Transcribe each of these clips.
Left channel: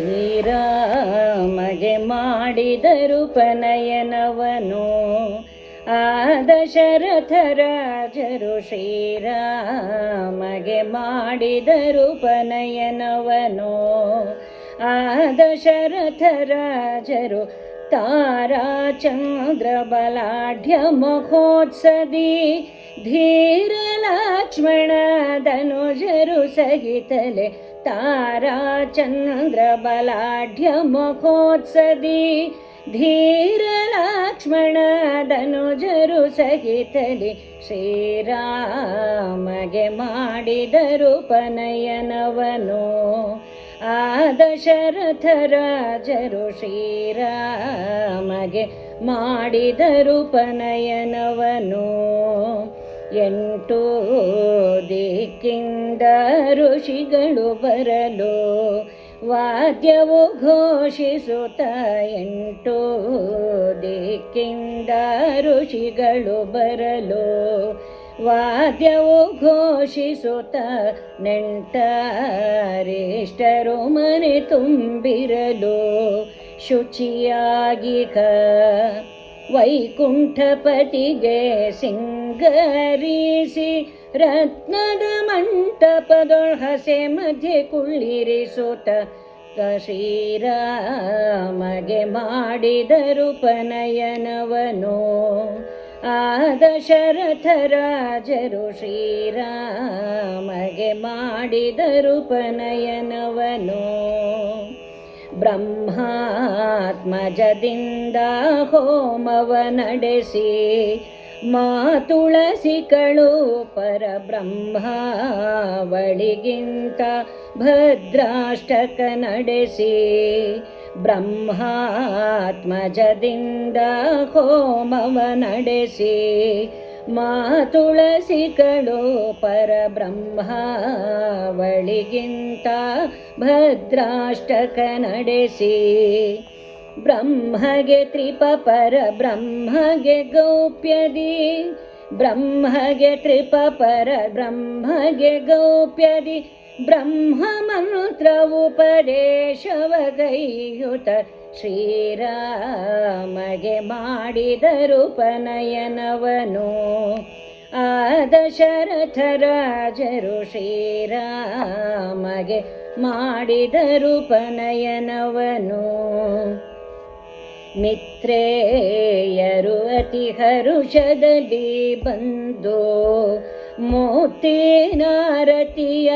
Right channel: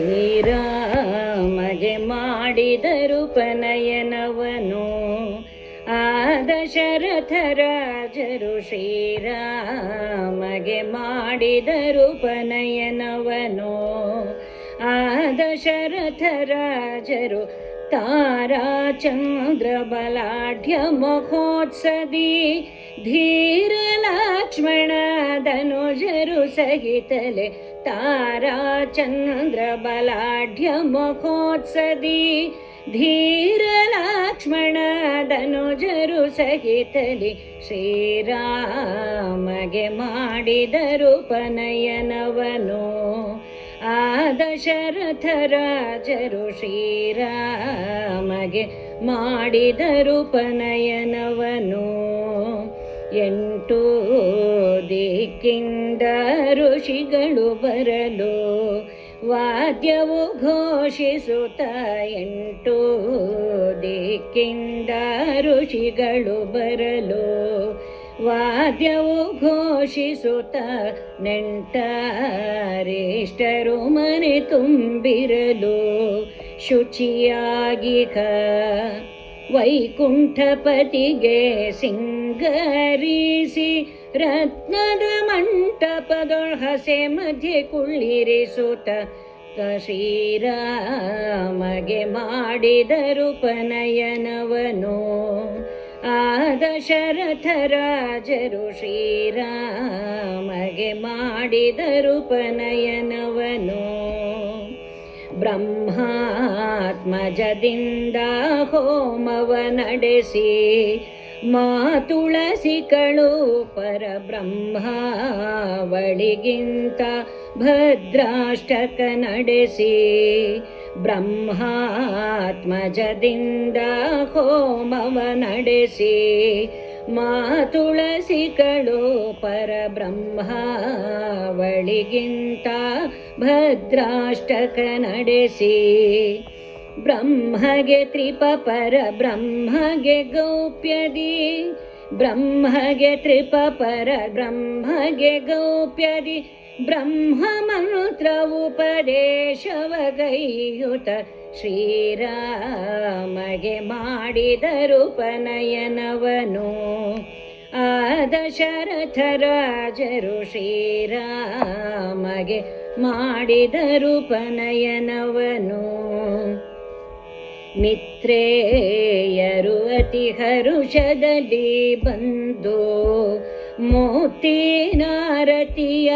ಶ್ರೀರಾಮಗೆ ಮಾಡಿದರು ಪನಯನವನು. ಆ ದಶರಥ ರಾಜರು ಶ್ರೀರಾಮಗೆ ಮಾಡಿದರು ಪನಯನವನು. ಆ ದಶರಥ ರಾಜರು ತಾರಾಚಂದ್ರ ಬಲಾಢ್ಯ ಮಹೋತ್ಸದಿ ಧೀರ ಲಕ್ಷ್ಮಣ ಧನುಜರು ಸಹಿತಲೆ. ತಾರಾಚಂದ್ರ ಬಲಾಢ್ಯ ಮಹೋತ್ಸದಿ ಧೀರ ಲಕ್ಷ್ಮಣ ಧನುಜರು ಸಹಿತಲಿ ಶ್ರೀರಾಮಗೆ ಮಾಡಿದರು ಪನಯನವನು. ಆ ದಶರಥ ರಾಜರು ಶ್ರೀರಾಮಗೆ ಮಾಡಿದರು ಪನಯನವನು. 8 ದಿಕ್ಕಿಂದ ಋಷಿಗಳು ಬರಲು ವಾದ್ಯವು ಘೋಷಿಸುತ್ತ. 8 ದಿಕ್ಕಿಂದ ಋಷಿಗಳು ಬರಲು ವಾದ್ಯವು ಘೋಷಿಸುತ್ತ. ನೆಂಟರಿಷ್ಟರು ಮನೆ ತುಂಬಿರಲು ಶುಚಿಯಾಗಿಗ ವೈಕುಂಠಪತಿಗೆ ಸಿಂಗರಿಸಿ ರತ್ನದ ಮಂಟಪದೊಳಹಸೆ ಮಧ್ಯೆ ಕುಳ್ಳಿರಿಸುತ್ತ. ಶ್ರೀರಾಮಗೆ ಮಾಡಿದರು ಪನಯನವನು. ಆ ದಶರಥ ರಾಜರು ಶ್ರೀರಾಮಗೆ ಮಾಡಿದರು ಪನಯನವನು. ಬ್ರಹ್ಮಾತ್ಮಜದಿಂದ ಹೋಮವ ನಡೆಸಿ ಮಾತುಳಸಿಗಳು ಪರಬ್ರಹ್ಮಾವಳಿಗಿಂತ ಭದ್ರಾಷ್ಟಕ ನಡೆಸಿ. ಬ್ರಹ್ಮಾತ್ಮಜದಿಂದ ಹೋಮವ ನಡೆಸಿ ಮಾತುಳಸಿಗಳು ಪರಬ್ರಹ್ಮಾವಳಿಗಿಂತ ಭದ್ರಾಷ್ಟಕ ನಡೆಸಿ. ಬ್ರಹ್ಮಗೆ ತ್ರಿಪಪರ ಬ್ರಹ್ಮಗೆ ಗೌಪ್ಯದಿ ಬ್ರಹ್ಮಗೆ ತ್ರಿಪಪರ ಬ್ರಹ್ಮಗೆ ಗೌಪ್ಯದಿ ಬ್ರಹ್ಮ ಮಂತ್ರ ಉಪದೇಶವಗೈಯುತ. ಶ್ರೀರಾಮಗೆ ಮಾಡಿದರು ಪನಯನವನು. ಆ ದಶರಥ ರಾಜರು ಶ್ರೀರಾಮಗೆ ಮಾಡಿದರು ಪನಯನವನು. ಮಿತ್ರೇಯರು ಅತಿ ಹರುಷದಲ್ಲಿ ಬಂದು ಮೋತಿನಾರತಿಯ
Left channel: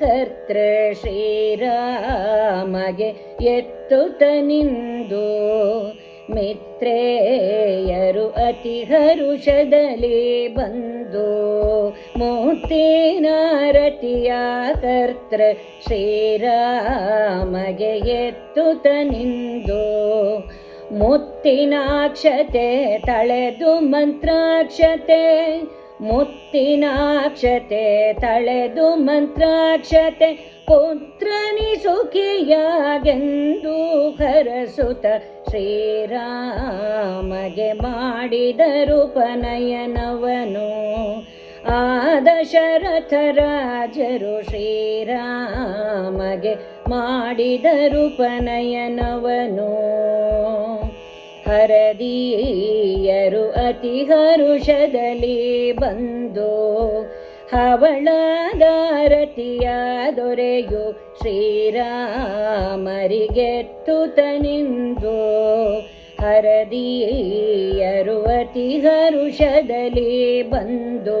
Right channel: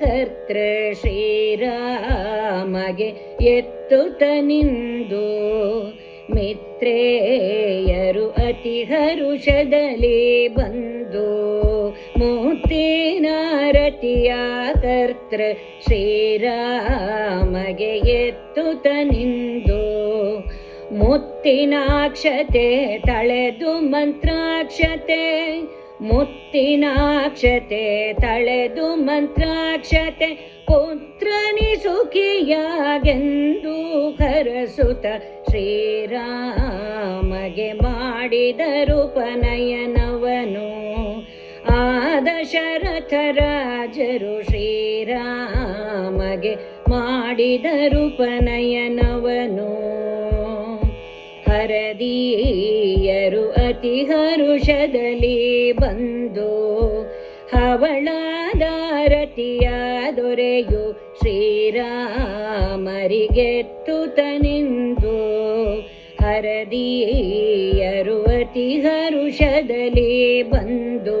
ಕರ್ತೃ ಶ್ರೀರಾಮಗೆ ಎತ್ತುತ್ತ ನಿಂದು. ಮಿತ್ರೇಯರು ಅತಿ ಹರುಷದಲ್ಲಿ ಬಂದು ಮೋತಿನಾರತಿಯ ಕರ್ತೃ ಶ್ರೀರಾಮಗೆ ಎತ್ತುತ್ತ ನಿಂದು. ಮುತ್ತಿನಾಕ್ಷತೆ ತಳೆದು ಮಂತ್ರಾಕ್ಷತೆ ಮುತ್ತಿನಾಕ್ಷತೆ ತಳೆದು ಮಂತ್ರಾಕ್ಷತೆ ಪುತ್ರನಿ ಸುಖಿಯಾಗೆಂದು ಹರಸುತ. ಶ್ರೀರಾಮಗೆ ಮಾಡಿದರು ಪನಯನವನು. ಆ ದಶರಥ ರಾಜರು ಶ್ರೀರಾಮಗೆ ಮಾಡಿದರು ಪನಯನವನು. ಹರದೀಯರು ಅತಿ ಹರುಷದಲ್ಲಿ ಬಂದು ಹವಳದಾರತಿಯ ದೊರೆಯು ಶ್ರೀರಾಮರಿಗೆತ್ತುತ್ತ ನಿಂದು. ಹರದೀಯರು ಅತಿ ಹರುಷದಲ್ಲಿ ಬಂದು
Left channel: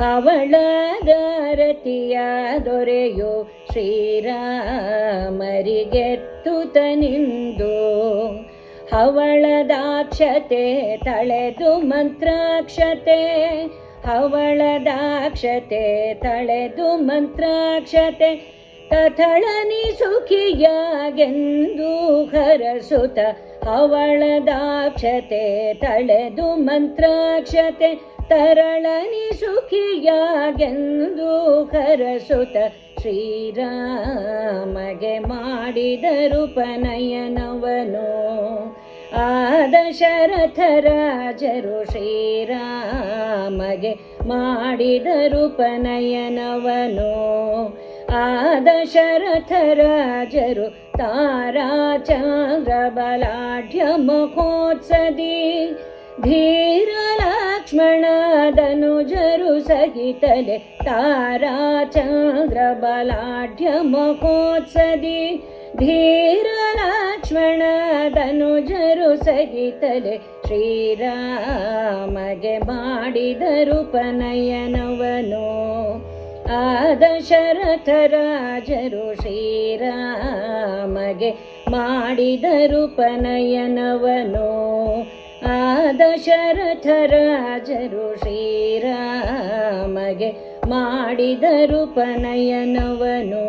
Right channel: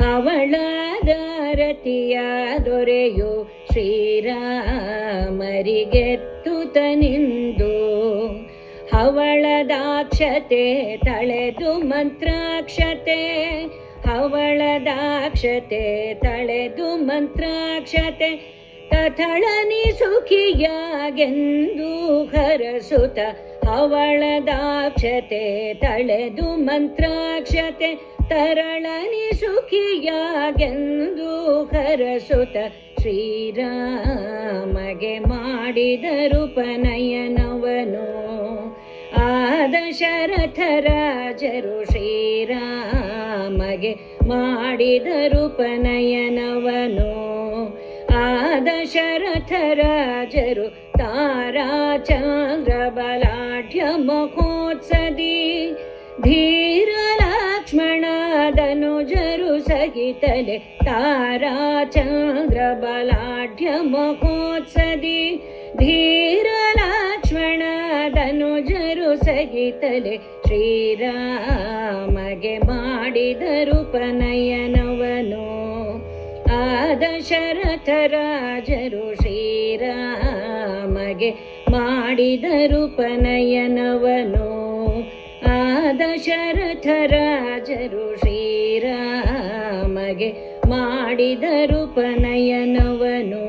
ಹವಳದಾರತಿಯ ದೊರೆಯು ಶ್ರೀರಾಮರಿಗೆತ್ತುತ್ತ ನಿಂದು. ಹವಳದಾಕ್ಷತೆ ತಳೆದು ಮಂತ್ರಾಕ್ಷತೆ ಹವಳದಾಕ್ಷತೆ ತಳೆದು ಮಂತ್ರಾಕ್ಷತೆ ತಥಳನಿ ಸುಖಿಯಾಗೆಂದು ಹರಸುತ. ಹವಳದಾಕ್ಷತೆ ತಳೆದು ಮಂತ್ರಾಕ್ಷತೆ ತರಳನಿ ಸುಖಿಯಾಗೆಂದು ಹರಸುತ. ಶ್ರೀರಾಮಗೆ ಮಾಡಿದರು ಪನಯನವನು. ಆ ದಶರಥ ರಾಜರು ಶ್ರೀರಾಮಗೆ ಮಾಡಿದರು ಪನಯನವನು. ಆ ದಶರಥ ರಾಜರು ತಾರಾಚಂದ್ರ ಬಲಾಢ್ಯ ಮಹೋತ್ಸದಿ ಧೀರ ಲಕ್ಷ್ಮಣ ಧನುಜರು ಸಹಿತಲೆ ತಾರಾಚಂದ್ರ ಬಲಾಢ್ಯ ಮಹೋತ್ಸದಿ ಧೀರ ಲಕ್ಷ್ಮಣ ಧನುಜರು ಸಹಿತಲೆ ಶ್ರೀರಾಮಗೆ ಮಾಡಿದರು ಉಪನಯನವನು ಆ ದಶರಥ ರಾಜರು ಶ್ರೀರಾಮಗೆ ಮಾಡಿದರು ಉಪನಯನವನು ಆ ದಶರಥ ರಾಜರು ಶ್ರೀರಾಮಗೆ ಮಾಡಿದರು ಉಪನಯನವನು